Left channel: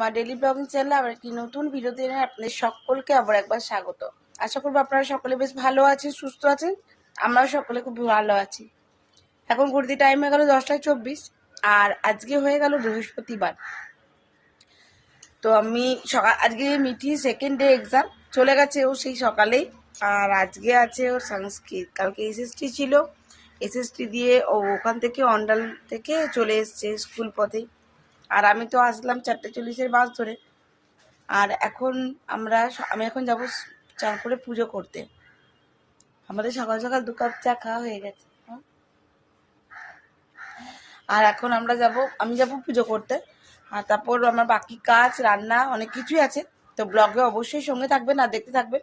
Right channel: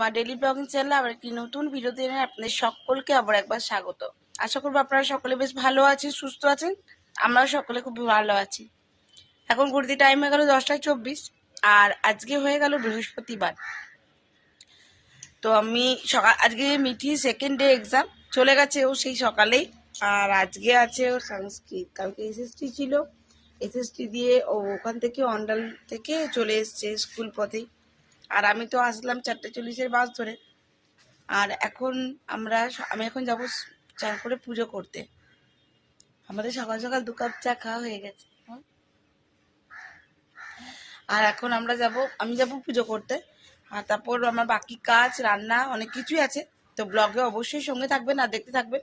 মা daily blogging চ্যানেলে আবার একটি নতুন ভিডিওতে আপনাদের সকলকে আবার একবার স্বাগত। আশা করবো আপনারা সকলে বেশ ভালো আছেন, সুস্থ আছেন। আমরাও সকলে খুব ভালো আছি। এখন ঘুরতি টাইম হয়ে গেল 10:24 আর আজকে হয়ে গেল বৃহস্পতিবার। তো আমি আজকে মিঠি সেকেন্ড ডে এক্সাম চলে গেছে ও সেই সকালেই। আর আজকে আছে ওর সংস্কৃত, কালকে এসএসটি ছিল, এসএসটি দিয়ে ও ওখান থেকে অন্ডাল থেকে চলে এসছে স্কুল পথেই। আর আমি তো আসলাম 4:40 বাস ধরে। আর এখন আমি এখন যাব চারপুরে পুজো করতে। আমাদের সকাল সকাল 2 কাপ চা খাওয়া হয়ে গেছে। আর এখন আমি যাব পুজো করতে। আর তারপর আমার বাকি কাজ, রান্না অনেক কিছুই আছে। তো ব্লগে অবশ্যই সঙ্গে থাকবেন আর দেখতে থাকবেন।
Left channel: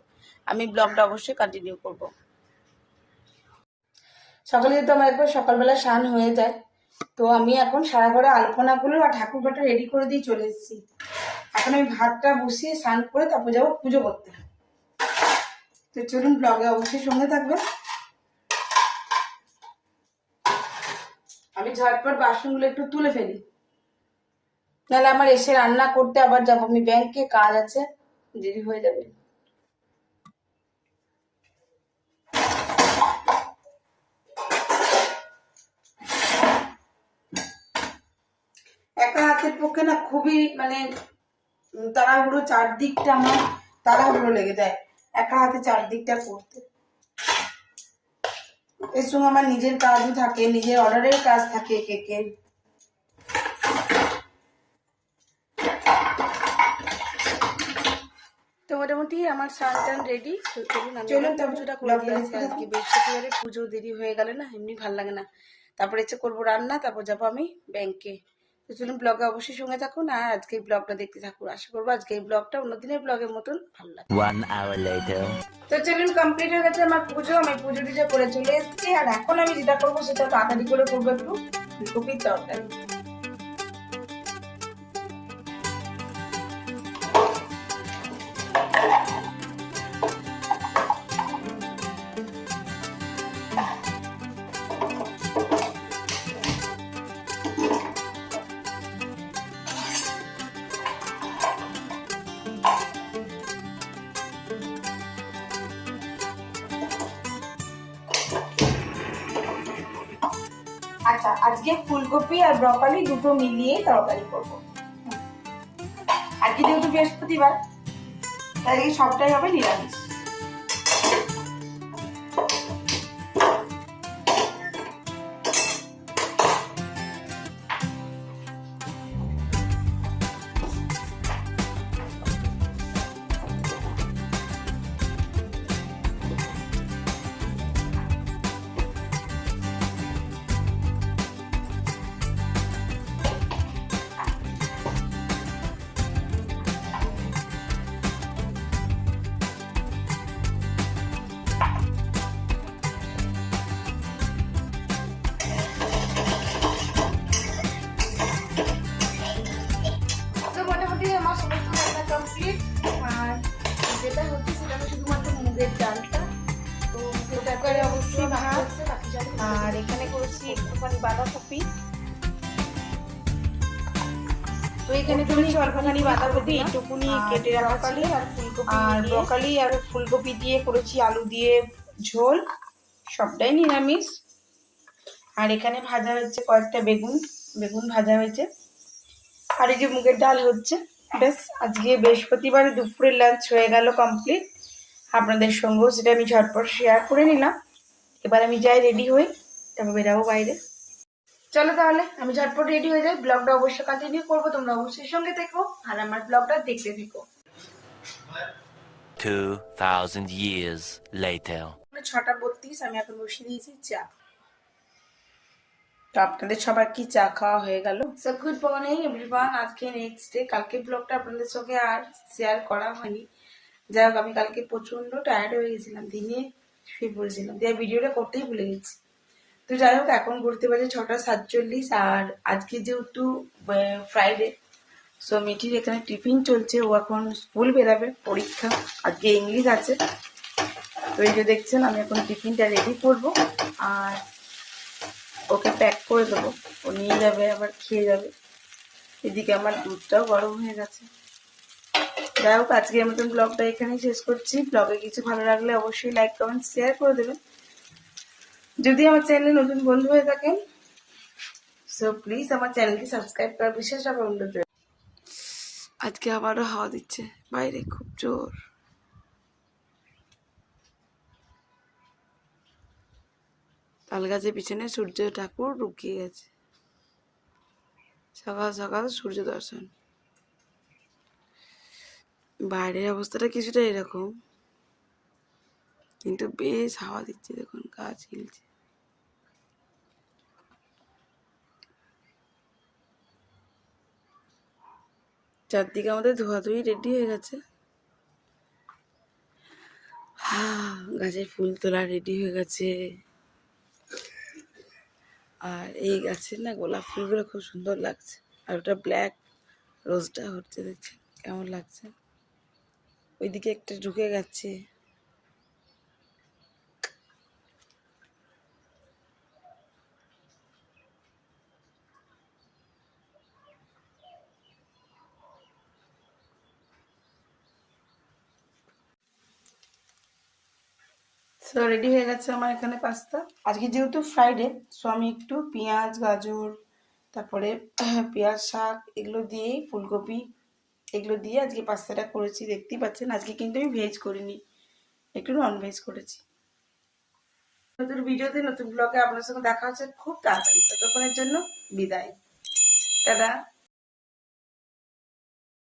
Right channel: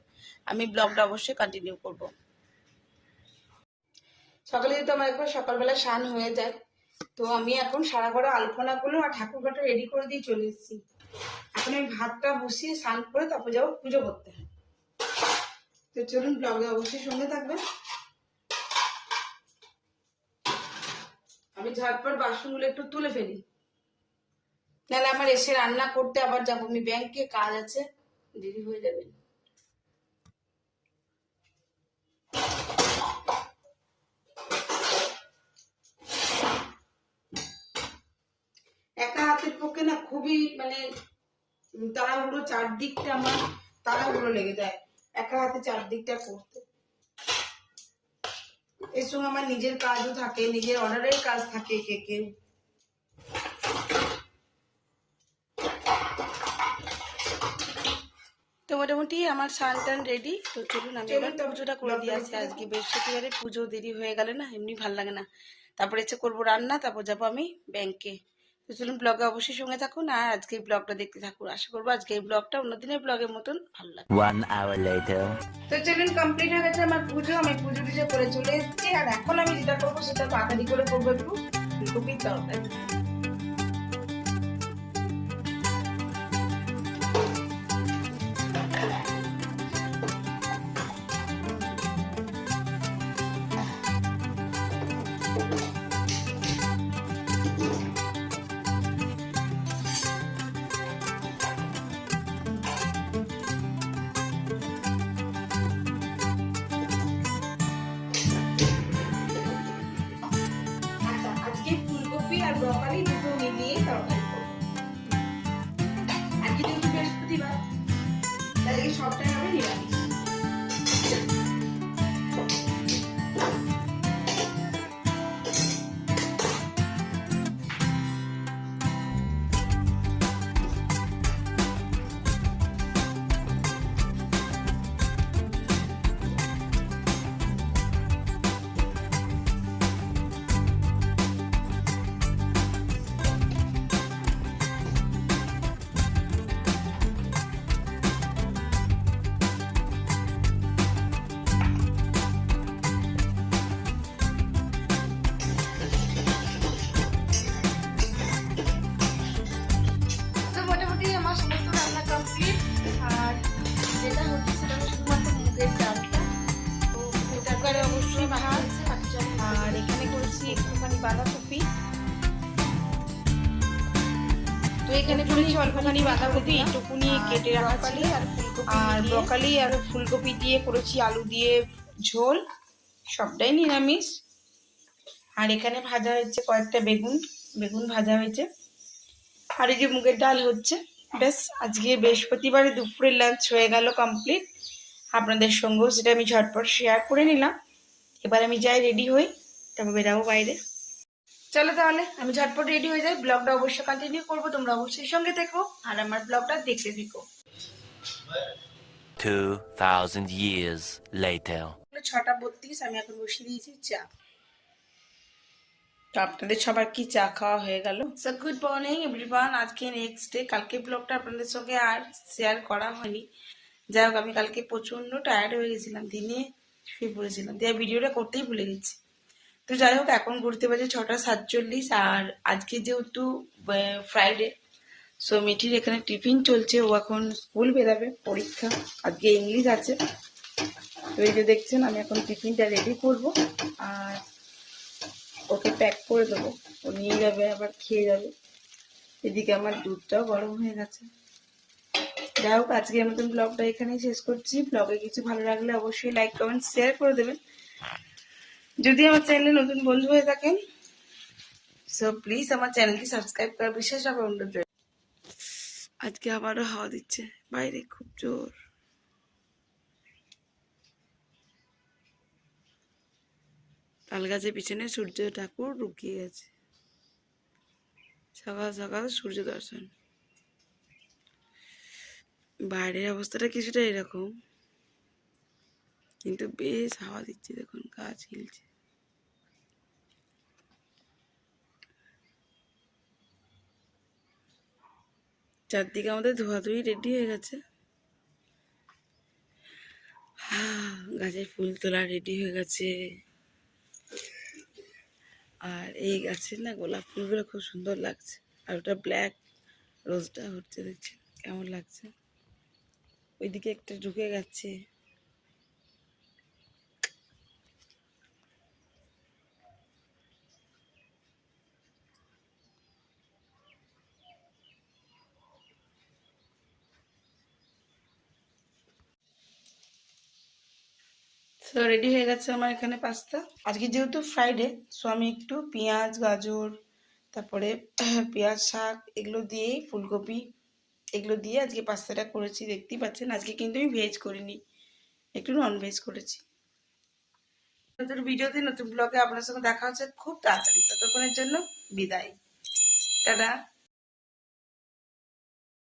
আমি ব্লগটা অবশ্যই কন্টিনিউ করব। সকালে যেহেতু আমার একবার সকালবেলা স্নান হয়ে যায়, তো আমি এখন সারা ঘরে আলপনাগুলো আর ঠাকুর ঘরটা রেডি করে দিয়ে চলে এসেছি। এখন আমি ভাতটা বসিয়ে স্নান করে তারপর যাবো পুজো করতে। তো চলুন, ব্লগে অবশ্যই সঙ্গে থাকবে। আমি ঝটপট বাসনগুলো একটু তুলে ফেলি, নাহলে আমার এসে রান্না করতে আবার যাবো আমি ব্যাংকে, কাজ আছে, দেরি হয়ে যাবে। একা হাতের পক্ষে না খুবই তাড়াহুড়ো, চারদিকটা আমার তাড়াহুড়ো লেগে যায় একা হাতে চারদিকটা করতে। এর সঙ্গে আমার নিজের কাজও থাকে, নিজের অর্ডারের কাজ থাকে কেকের। তো মোটামুটি আমার সারাটান রেডি। তো চলুন আমি পুজোটা করে দিয়ে আসি। আজকে বৃহস্পতিবারে পুজো দেরি হয়ে গেলে না এমনি ভালো লাগে না। তারপরে ইচ্ছে করবো রান্না, তারপর যাবো আমি ব্যাংকে। তো চলুন, ব্লগে অবশ্যই সঙ্গে থাকুন আর আজকে ব্লগটা দেখতে থাকুন। আশা করবো আজকে এই ব্লগটা অন্যদিনের ব্লগের মতন ভালো লাগে। 1 hour later. তো চলুন, কমপ্লিট হয়ে গেছে আমার পুজো। আমি পুজো টুজো করে চলে এসেছি। আর এখন আমি যেটা করবো সেটা তাড়াতাড়ি করে করবো একটু ফুলকপির তরকারি। আচ্ছা, আজকে ফুলকপি আর ব্রকলি দুটো মিলিয়ে তরকারি করবো। আজকে যেহেতু বৃহস্পতিবার, তাই সবটাই হবে নিরামিষ। বাঁধাকপি এইটুকুনি কেটে রাখা ছিল, আর ব্রকলি আর ফুলকপি দিয়ে করেছি আলু দিয়ে ঝোল, সবটাই নিরামিষ। আর এখানে ভাজা হয়েছে কয়েকটা বেগুন ভাজা হয়েছে। আর এই যে মুগের ডাল হচ্ছে। বেশ, আজকে বৃহস্পতিবার দুপুরের লাঞ্চ হয়ে গেল কমপ্লিট। আপনাদের সঙ্গেও সেটা আমি ঝটপট শেয়ার করে নিলাম। এবার আমি যাই রেডি হই, তারপর বেরাবো বাইরে। চলো তাহলে আমি ঝটপট রেডি হয়ে যাই। ব্লগটা অবশ্যই কন্টিনিউ করবো, তোমরা অবশ্যই সঙ্গে থেকো আর আমার ব্লগটা দেখতে থেকো। 2000 years later. 6:32 আমি এখন বসিয়ে দিয়েছি চা। তো আপনাদের সবার কি চা খাওয়া হয়ে গেল? So good morning everyone. আজকে নেক্সট ডে। কালকে ব্লগটা আপনাদের সঙ্গে আর শেয়ার করা হয়নি। যাই হোক, আমি কালকে প্রচন্ড টায়ার্ড হয়ে গেছিলাম, দিনে শুয়ে পড়েছিলাম, দিয়ে ভিডিওটা করতেই ভুলে গেছি। তো যাই হোক, এখন ঘুরতে বাজে 6:47। আর আজকে যেহেতু ফ্রাইডে, সো মিঠির এখানে টিফিন চলছে, ও এখন স্কুল বেরাবে, পরীক্ষা আজকে ইংলিশ আছে। তো এই যে দেখছেন, আমি এখন টিফিনটা রেডি করবো আর ওকে প্যাক করে দেবো, ও নিয়ে যাবে, আবার খেয়ে যাবে। এদিকে আমার দুধটাও গরম হয়ে গেছে। যাই হোক, আজকের মতন ব্লগটা এখানেই শেষ করছি। ব্লগে কিছু ভালো লাগলে অবশ্যই লাইক কমেন্ট শেয়ার করে দেবেন। যদি আমার চ্যানেলে নতুন বন্ধু হয়ে থাকেন, সো প্লিজ আমার চ্যানেলটি সাবস্ক্রাইব করার বিশেষ অনুরোধ রইল। আজকে আবারও হাওয়া দিচ্ছে বাইরে, খুব জোর। তাল গাছের পিছনে সূর্য ঠাকুর লুকিয়ে গেছে। সকাল সকাল সূর্য দর্শন। বাইরের অবস্থাটা কিছুটা এরকম, কিন্তু বেশ হাওয়া দিচ্ছে, দেখুন গাছ হিলছে। চারদিকে আমাদের ধোয়াধুয়ি রেডি হয়ে গেছে। গাছের ফুল তোলা রেডি হয়ে গেছে। আর এই গাছের না গোলাপ ফুলগুলো খুব সুন্দর লাগছে। আর ওটা ব্ল্যাক রোজটা হচ্ছে, দেখছেন কেমন লাগছে। ওইদিকে একটা ঢুকে গেছে। রেডি হয়ে গেছে আমার এখানে পাস্তা। আজকে যেহেতু ফ্রাইডে, সো আমি একটু পেঁয়াজ, গাজর, তারপরে পেঁয়াজ, শাক এগুলো দিয়েই, ফুলকপি এগুলো দিয়ে আজকে পাস্তাটা করেছি। দেখতেই পাচ্ছেন আজকে কিন্তু আমি ভেজ করিনি, একটু নন ভেজ করেছি। নতুন ভিডিওতে নতুন ব্লগে আপনার সঙ্গে দেখা হচ্ছে খুব তাড়াতাড়ি। ততক্ষণের জন্য বিদায়, টাটা।